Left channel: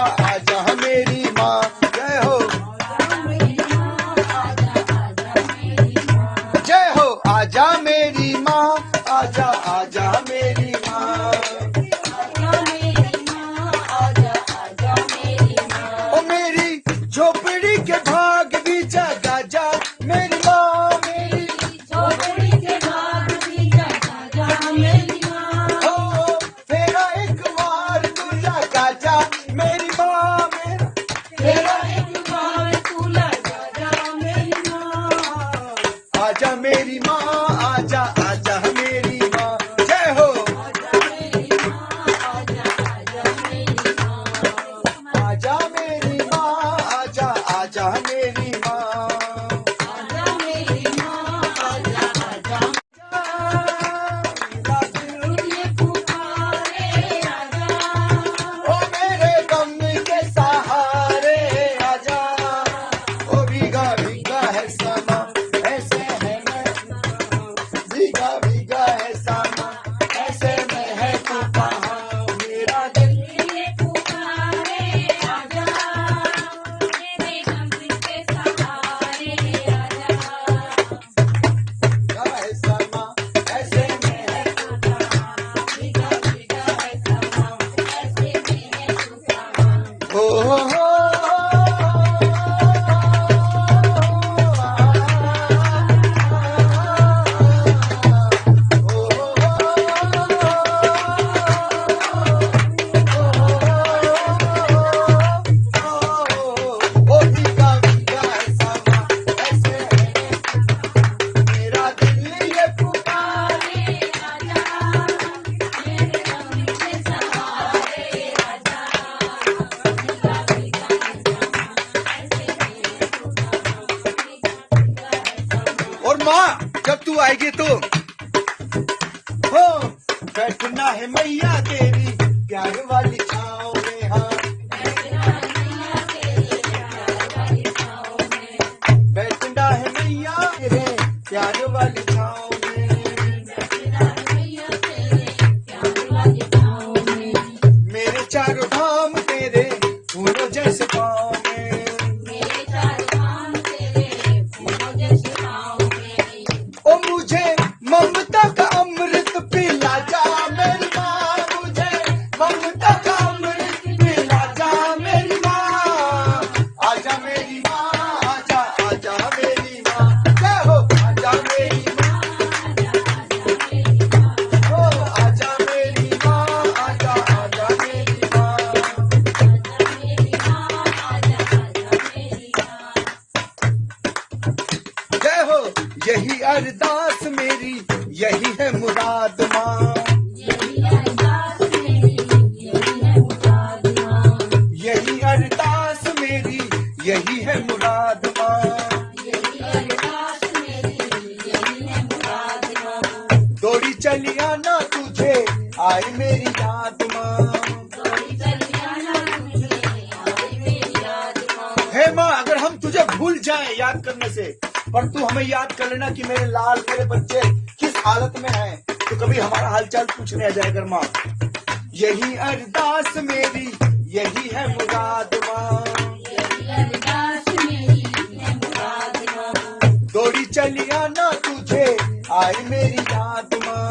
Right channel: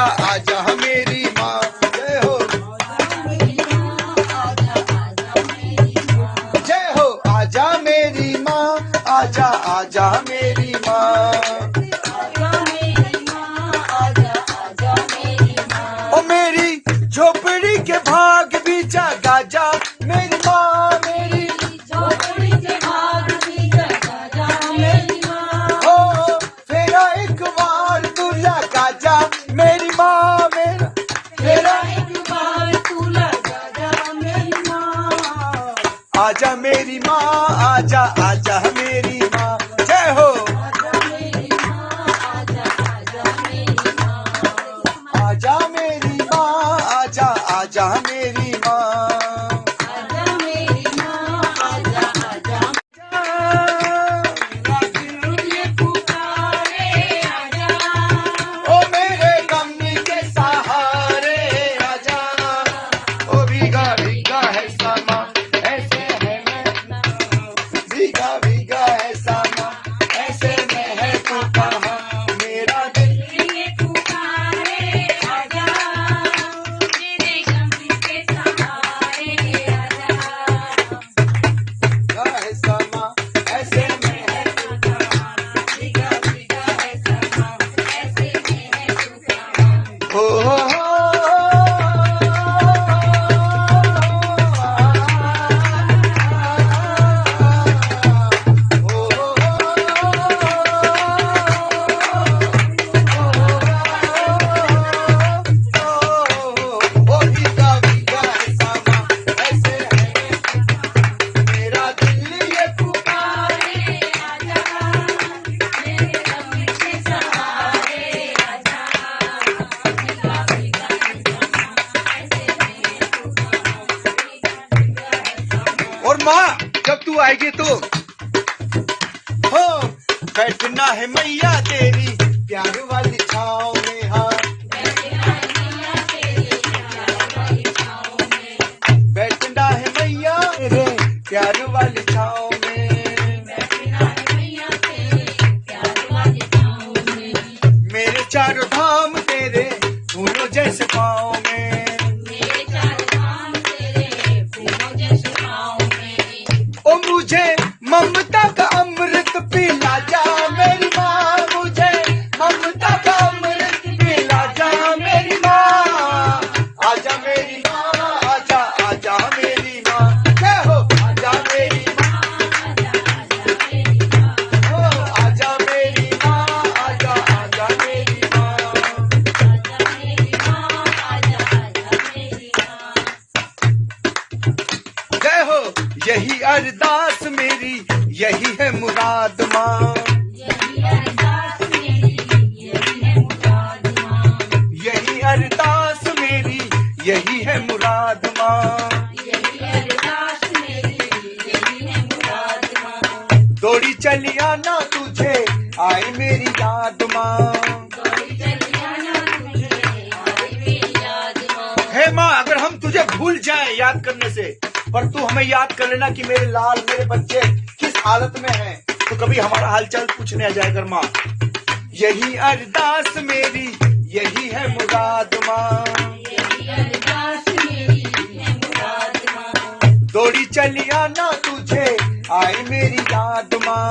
आजा आजा मेरी माँ, जय हो जय हो, आजा मेरी माँ, आजा आजा मेरी माँ, ओ मेरी झोपड़ी के भाग भी जगा जा मेरी माँ, मेरी झोपड़ी के भाग भी जगा जा मेरी माँ, ओ तेरा एक बार तू लगा जा मेरी माँ, तेरा एक बार तू लगा जा मेरी माँ, आजा मेरी माँ, आजा आजा मेरी माँ, जय हो आजा मेरी माँ, आजा आजा मेरी माँ, ओ मेरे गमी के सहारे आजा, ओ भीगा भीगा है समा ऐसे है मैं, भीगा भीगा है समा ऐसे में है तू कहाँ, मेरा दिल है समा ऐसे में है तू कहाँ, भीगा भीगा है समा ऐसे में है तू कहाँ, हो और माँ जब तू आएगी तो हो बैठना है मैया तेरी प्यार वाली छाँव में, हाँ बैठना है मैया तेरे प्यार वाली छाँव में, मेरे चारों धाम तेरे फूलों जैसे पाँव में, ओ मुझे ममता का अमृत पिला जा मेरी माँ, मुझे ममता का अमृत पिला जा मेरी माँ, आजा मेरी माँ, आजा आजा मेरी माँ, क्या हो आजा मेरी माँ, ओ आजा मेरी माँ, आजा आजा मेरी माँ, जय हो यही अरदास मेरी यही है मुराद माँ, यही अरदास मेरी यही है मुराद माँ, दौड़ी चली आना तुझे आई मेरी याद माँ, हे माँ अगर हम तुझे भूल जाएं याद करने से, पर तू हमें याद कर लेना कि मेरे लाल मेरे बच्चे किस हालत में हैं, तो कभी हमारा हालचाल पूछने आ जाए कर माँ, यही अरदास मेरी यही है मुराद माँ, दौड़ी चली आना तुझे आई मेरी याद माँ,